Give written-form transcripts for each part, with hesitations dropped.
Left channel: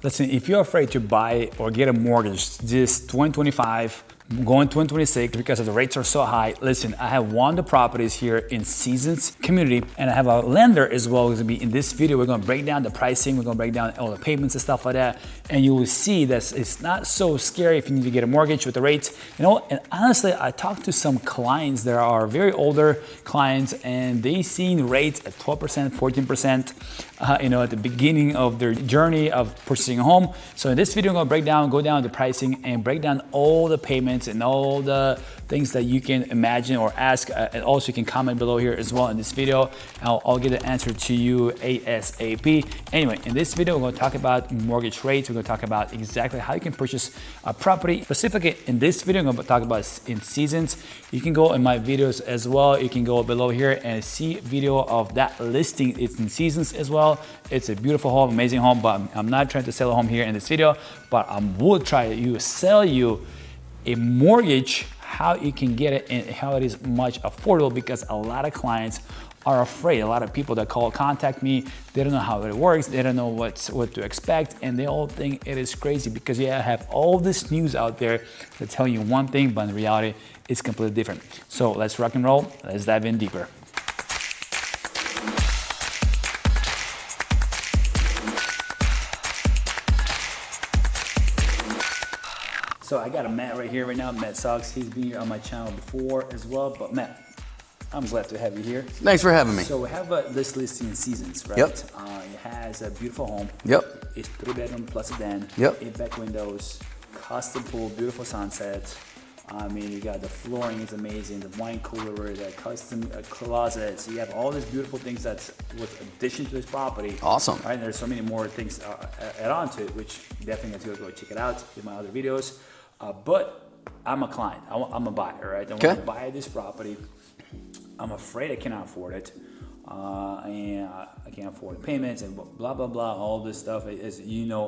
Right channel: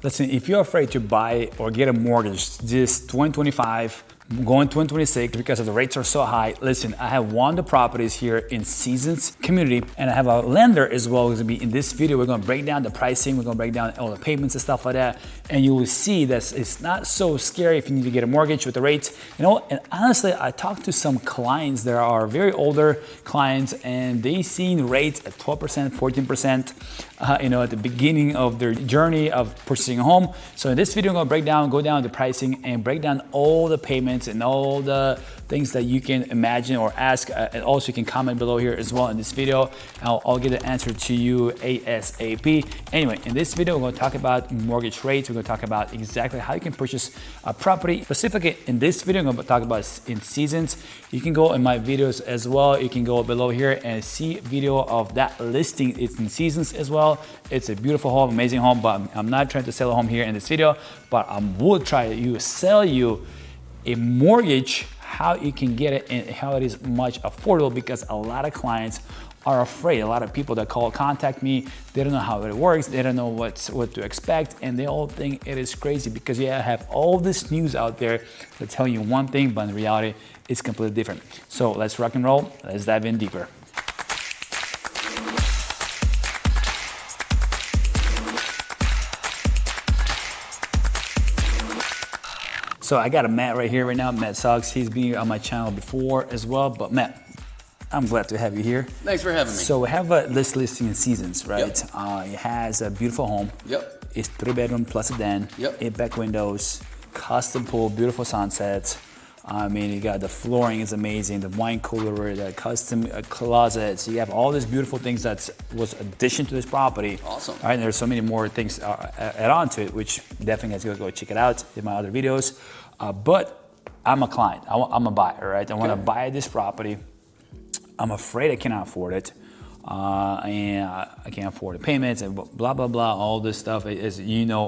Listen, if you're afraid to buy or get a mortgage this 2025, going 2026 because of the rates are so high, listen, I have one of the properties here in Seasons community, and I have a lender as well who's gonna be in this video. We're gonna break down the pricing, we're gonna break down all the payments and stuff like that, and you will see that it's not so scary if you need to get a mortgage with the rates. And honestly, I talked to some clients that are very older clients, and they seen rates at 12%, 14%, at the beginning of their journey of purchasing a home. So in this video, I'm gonna go down the pricing and break down all the payments and all the things that you can imagine or ask. And also you can comment below here as well in this video. I'll get the answer to you ASAP. Anyway, in this video, we're gonna talk about mortgage rates. We're gonna talk about exactly how you can purchase a property. Specifically in this video, I'm gonna talk about in Seasons. You can go in my videos as well. You can go below here and see video of that listing. It's in Seasons as well. It's a beautiful home, amazing home, but I'm not trying to sell a home here in this video, but I will try to sell you a mortgage, how you can get it and how it is much affordable, because a lot of clients are afraid. A lot of people that contact me, they don't know how it works, they don't know what to expect, and they all think it is crazy because I have all this news out there that tell you one thing, but in reality, it's completely different. So let's rock and roll, let's dive in deeper. So I got a Matt right here right now, Matt Suggs. He's been on my channel before as well, but Matt, I'm glad to have you here. Thanks for having me. So we have this listing in Seasons, right? Yep. It has a beautiful home. Yep. It's 3-bedroom plus a den. Yep. 8 back windows, custom pool, beautiful sunsets. I mean, you got the flooring is amazing, the wine cooler, the custom closets. You have all these beautiful things that was addition to this property. Awesome. All right, there's so many more things add on to it, which definitely has to go check it out in my other videos. But I'm a client, I'm a buyer, right? I want to buy this property. I'm afraid I cannot afford it. And I can't afford the payments and blah, blah, blah, all this stuff. As you know,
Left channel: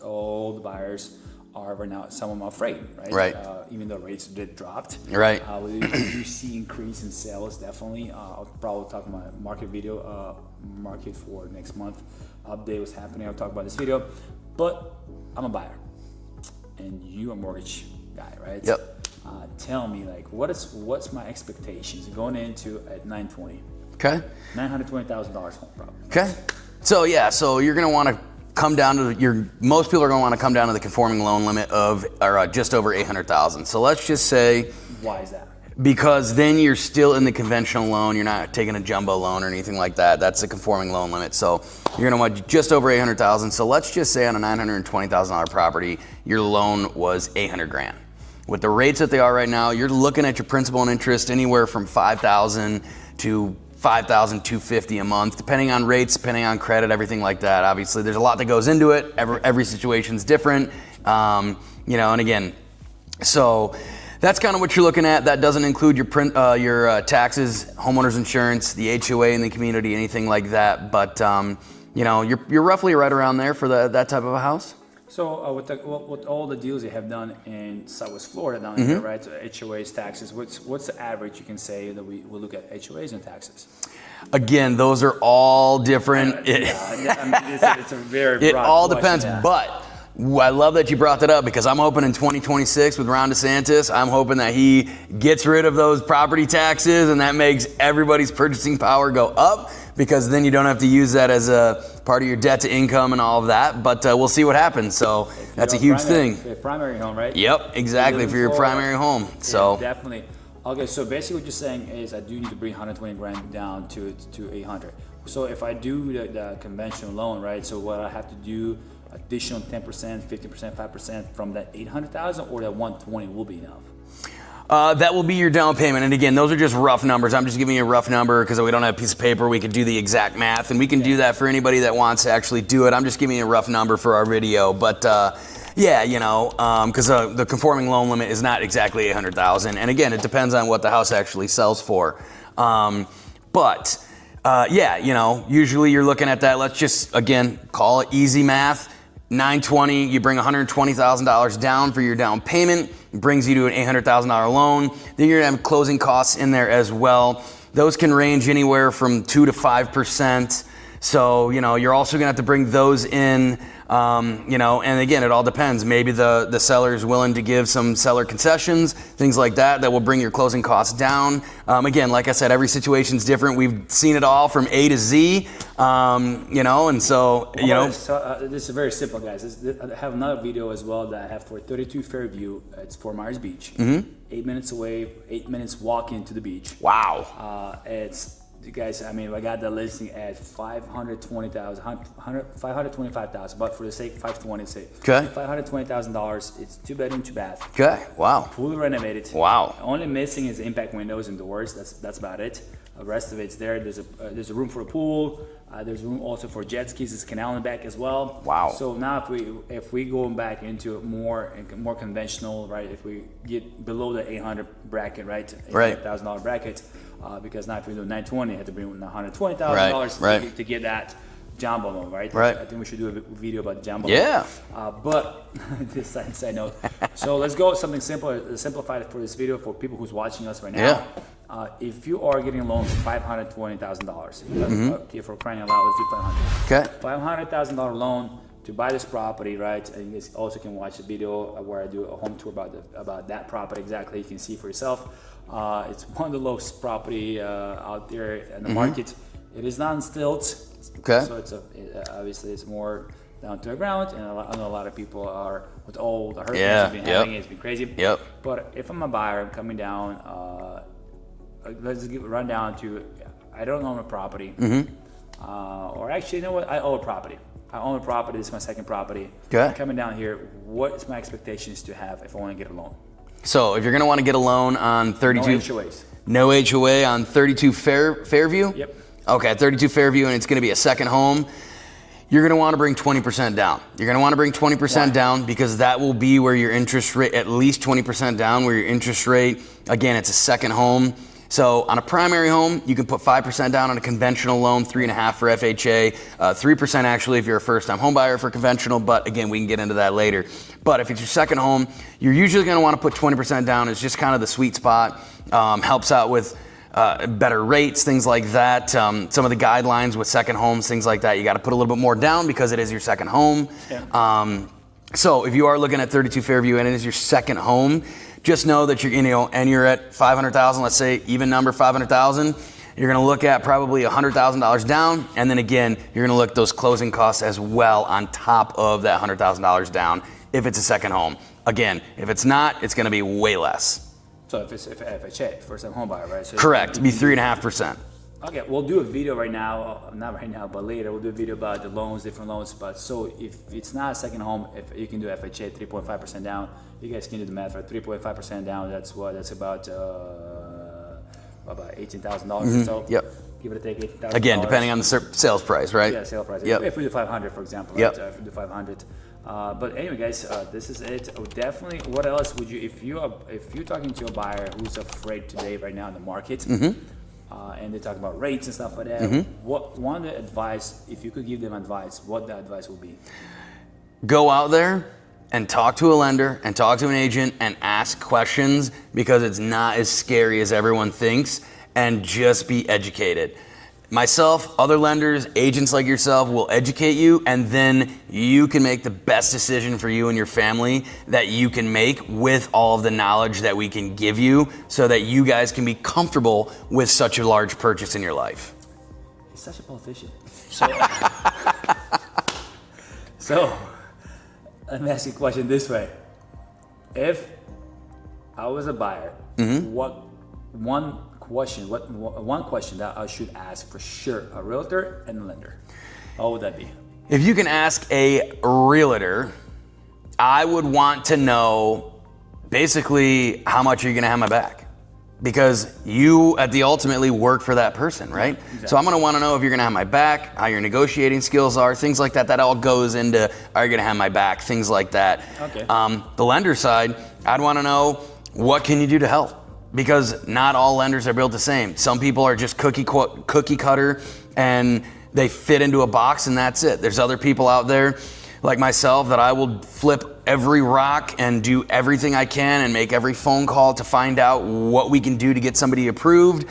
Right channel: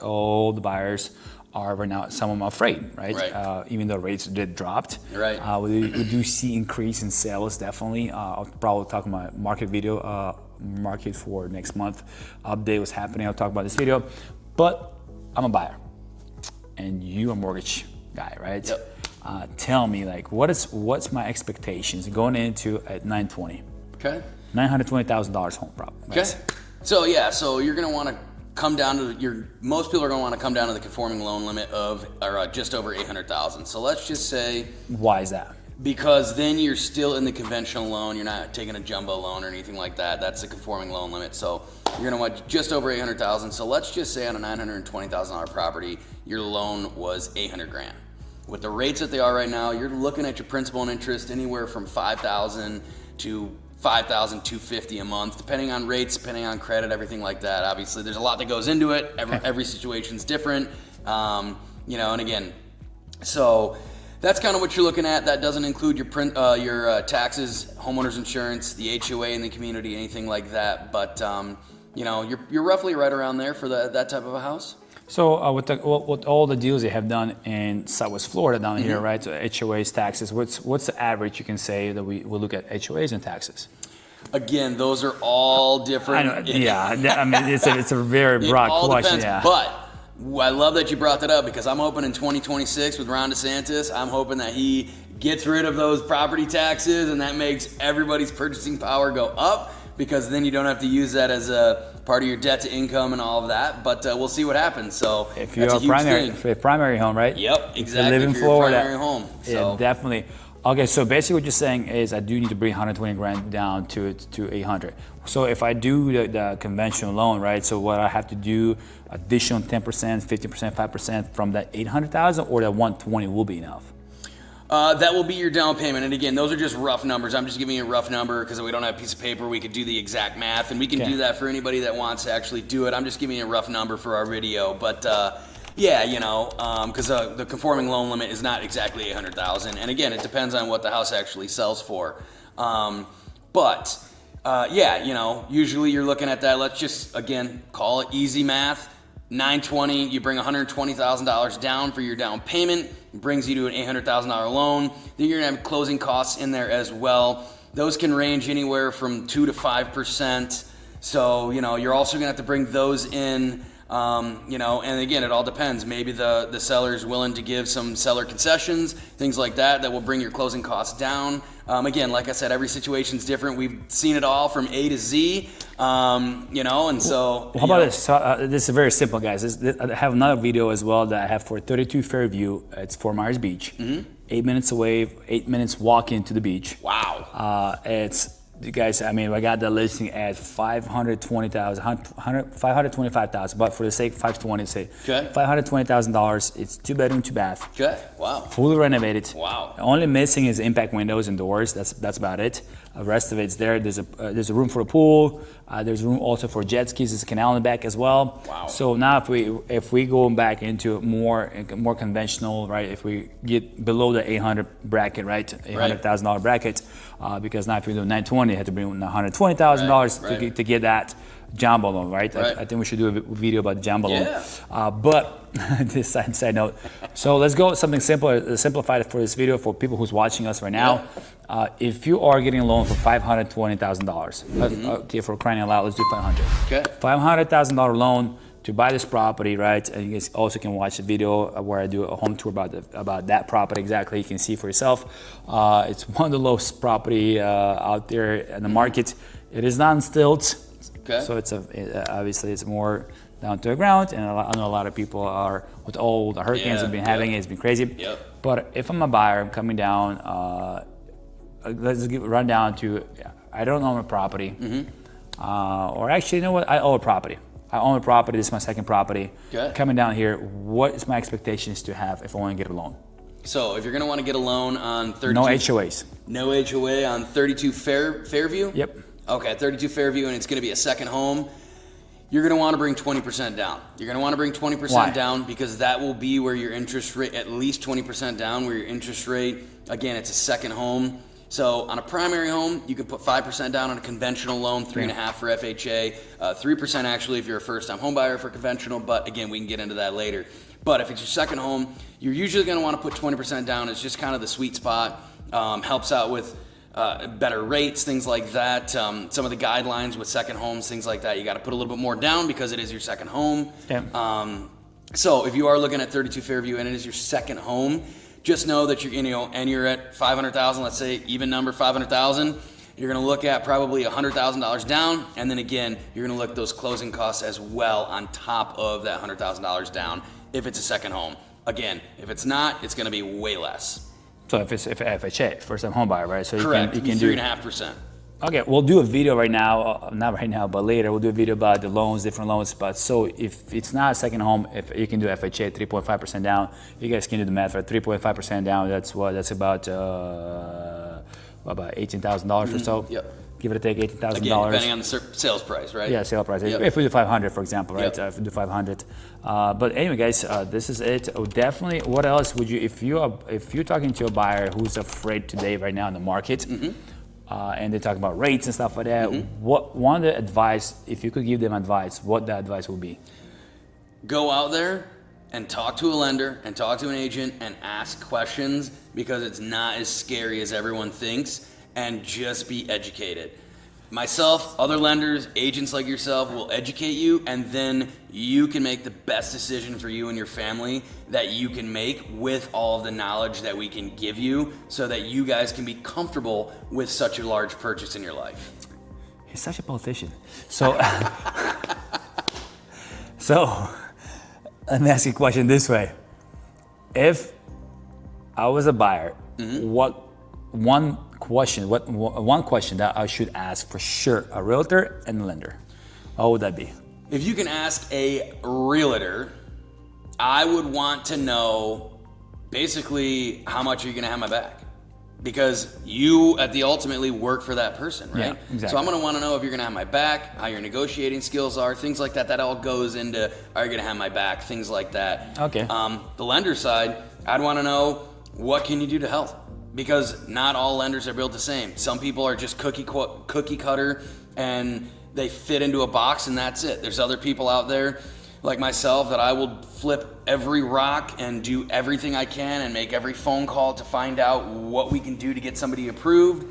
all the buyers are right now, some of them are afraid, right? Right. Even though rates did dropped. Right. We do see increase in sales, definitely. I'll probably talk about my market video, market for next month. Update what's happening, I'll talk about this video. But I'm a buyer. And you a mortgage guy, right? Yep. Tell me, like, what's my expectations going into at 920? Okay. $920,000 home property. Okay. Right? So you're gonna want to come down to most people are gonna want to come down to the conforming loan limit of just over 800,000. So let's just say. Why is that? Because then you're still in the conventional loan. You're not taking a jumbo loan or anything like that. That's the conforming loan limit. So you're gonna want just over 800,000. So let's just say on a $920,000 property, your loan was 800 grand. With the rates that they are right now, you're looking at your principal and interest anywhere from $5,000 to $5,250 a month, depending on rates, depending on credit, everything like that. Obviously, there's a lot that goes into it. Every situation's different, and again, so. That's kind of what you're looking at. That doesn't include your taxes, homeowners insurance, the HOA in the community, anything like that. But you're roughly right around there for that type of a house. So with all the deals they have done in Southwest Florida down here, right? So HOAs, taxes. What's the average you can say that we look at HOAs and taxes? Again, those are all different. It's a very broad question. It all depends, but. I love that you brought that up because I'm hoping in 2026 with Ron DeSantis, I'm hoping that he gets rid of those property taxes and that makes everybody's purchasing power go up, because then you don't have to use that as a part of your debt to income and all of that. But we'll see what happens. So that's a huge thing. For a primary home, right? Yep, exactly. For your primary home. So yeah, definitely. Okay, so basically what you're saying is I do need to bring 120 grand down to 800. So if I do the conventional loan, right? So what I have to do, additional 10%, 50%, 5% from that 800,000, or that 120 will be enough? That will be your down payment. And again, those are just rough numbers. I'm just giving you a rough number because we don't have a piece of paper. We can do the exact math, and we can do that for anybody that wants to actually do it. I'm just giving you a rough number for our video. But because the conforming loan limit is not exactly 800,000. And again, it depends on what the house actually sells for. Usually you're looking at that. Let's just, again, call it easy math. 920, you bring $120,000 down for your down payment, brings you to an $800,000 loan. Then you're gonna have closing costs in there as well. Those can range anywhere from 2 to 5%. So, you're also gonna have to bring those in You know, and again, it all depends. Maybe the seller is willing to give some seller concessions, things like that, that will bring your closing costs down. Again, like I said, every situation's different. We've seen it all from A to Z, you know, and so, you know. This is very simple, guys. I have another video as well that I have for 32 Fairview. It's Fort Myers Beach. 8 minutes away, 8 minutes walk into the beach. Wow. It's, you guys, I mean, I got the listing at $525,000, but for the sake of 520, say $520,000. It's 2 bedroom, 2 bath. Okay. Wow. Fully renovated. Wow. Only missing is impact windows and doors. That's about it. The rest of it's there. There's a room for a pool. There's room also for jet skis. There's a canal in the back as well. Wow. So now if we go back into more conventional, right? If we get below the 800 bracket, right? $800,000 bracket, because now if we do 920, you have to bring $120,000 to get that jumbo loan, right? I think we should do a video about the jumbo loan. But this side note. So let's go something simple, simplified for this video for people who's watching us right now. If you are getting a loan for $520,000, okay, for crying out loud, let's do 500. Okay. $500,000 loan to buy this property, right? And you guys also can watch the video where I do a home tour about that property exactly. You can see for yourself. It's one of the lowest property out there in the market. It is not on stilts. Okay. So obviously it's more down to the ground, and I know a lot of people are with all the hurricanes have been having. It's been crazy. But if I'm a buyer, I'm coming down. Let's run down to I don't own a property, or actually, you know what? I own a property. I own a property. This is my second property. Coming down here, what is my expectations to have if I want to get a loan? So if you're going to want to get a loan on 32, no HOAs. No HOA on 32 Fairview. Yep. Okay, 32 Fairview, and it's going to be a second home. You're going to want to bring 20% down. You're going to want to bring 20% down because that will be where your interest rate, at least 20% down, where your interest rate, again, it's a second home. So on a primary home, you can put 5% down on a conventional loan, 3.5% for FHA, 3% actually if you're a first-time home buyer for conventional, but again, we can get into that later. But if it's your second home, you're usually going to want to put 20% down. It's just kind of the sweet spot. Helps out with better rates, things like that. Some of the guidelines with second homes, things like that, you got to put a little bit more down because it is your second home. So if you are looking at 32 Fairview and it is your second home, just know that you're at 500,000, let's say even number 500,000, you're going to look at probably $100,000 down, and then again, you're going to look at those closing costs as well on top of that $100,000 down if it's a second home. Again, if it's not, it's going to be way less. So if FHA, first time home buyer, right? So correct, be 3.5%. Okay, we'll do a video right now, not right now, but later. We'll do a video about the loans, different loans. But so if it's not a second home, if you can do FHA 3.5% down, you guys can do the math, right? 3.5% down, that's what? That's about $18,000 or so. Give it a take, $18,000. Again, depending on the sales price, right? Yeah, sale price. If we do 500, for example, right? If we do 500. But anyway, guys, this is it. Definitely. What else would you, if you're talking to a buyer who's afraid today, right now in the market, and they talk about rates and stuff like that, what one of the advice, if you could give them advice, what the advice would be? Go out there and talk to a lender and talk to an agent and ask questions because it's not as scary as everyone thinks, and just be educated. Myself, other lenders, agents like yourself will educate you, and then you can make the best decision for you and your family that you can make with all of the knowledge that we can give you so that you guys can be comfortable with such a large purchase in your life. He's such a politician. So, so let me ask you a question this way. If I was a buyer, what one question that I should ask for sure a realtor and a lender, what would that be? If you can ask a realtor, I would want to know basically how much you're gonna have my back, because you ultimately work for that person, right? Yeah, exactly. So I'm gonna wanna know if you're gonna have my back, how your negotiating skills are, things like that. That all goes into, are you gonna have my back, things like that. Okay. The lender side, I'd wanna know, what can you do to help? Because not all lenders are built the same. Some people are just cookie cutter and they fit into a box and that's it. There's other people out there like myself that I will flip every rock and do everything I can and make every phone call to find out what we can do to get somebody approved.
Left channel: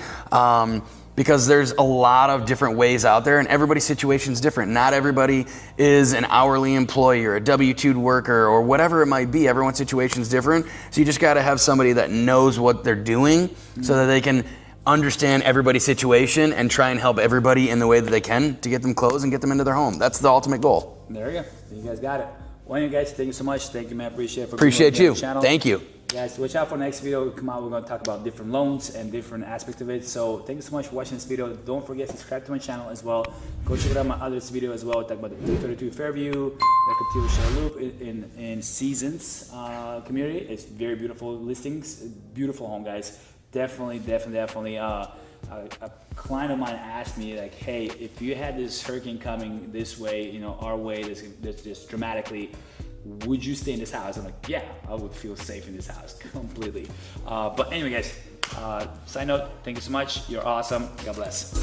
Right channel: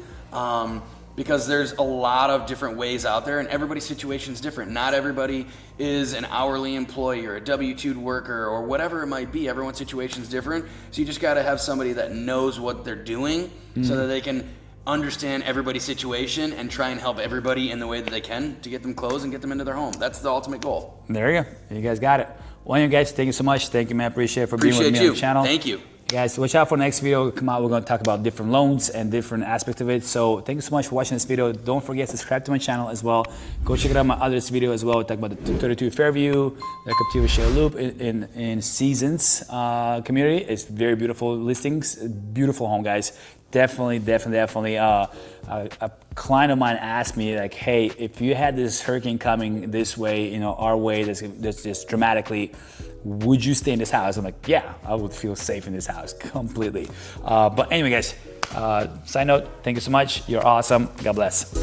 because there's a lot of different ways out there and everybody's situation is different. Not everybody is an hourly employee or a W-2 worker or whatever it might be. Everyone's situation is different. So you just got to have somebody that knows what they're doing so that they can understand everybody's situation and try and help everybody in the way that they can to get them closed and get them into their home. That's the ultimate goal. There you go. You guys got it. Well, you guys, thank you so much. Thank you, man. Appreciate it for being with me on the channel. Thank you. Guys, watch out for the next video come out. We're going to talk about different loans and different aspects of it. So thank you so much for watching this video. Don't forget to subscribe to my channel as well. Go check out my other video as well. We talk about the 232 Fairview, the Captiva Share Loop in Seasons community. It's very beautiful listings, beautiful home, guys. Definitely. A client of mine asked me like, hey, if you had this hurricane coming this way, you know, our way, that's just dramatically, would you stay in this house? I'm like, yeah, I would feel safe in this house completely. But anyway, guys, side note, thank you so much. You're awesome. God bless.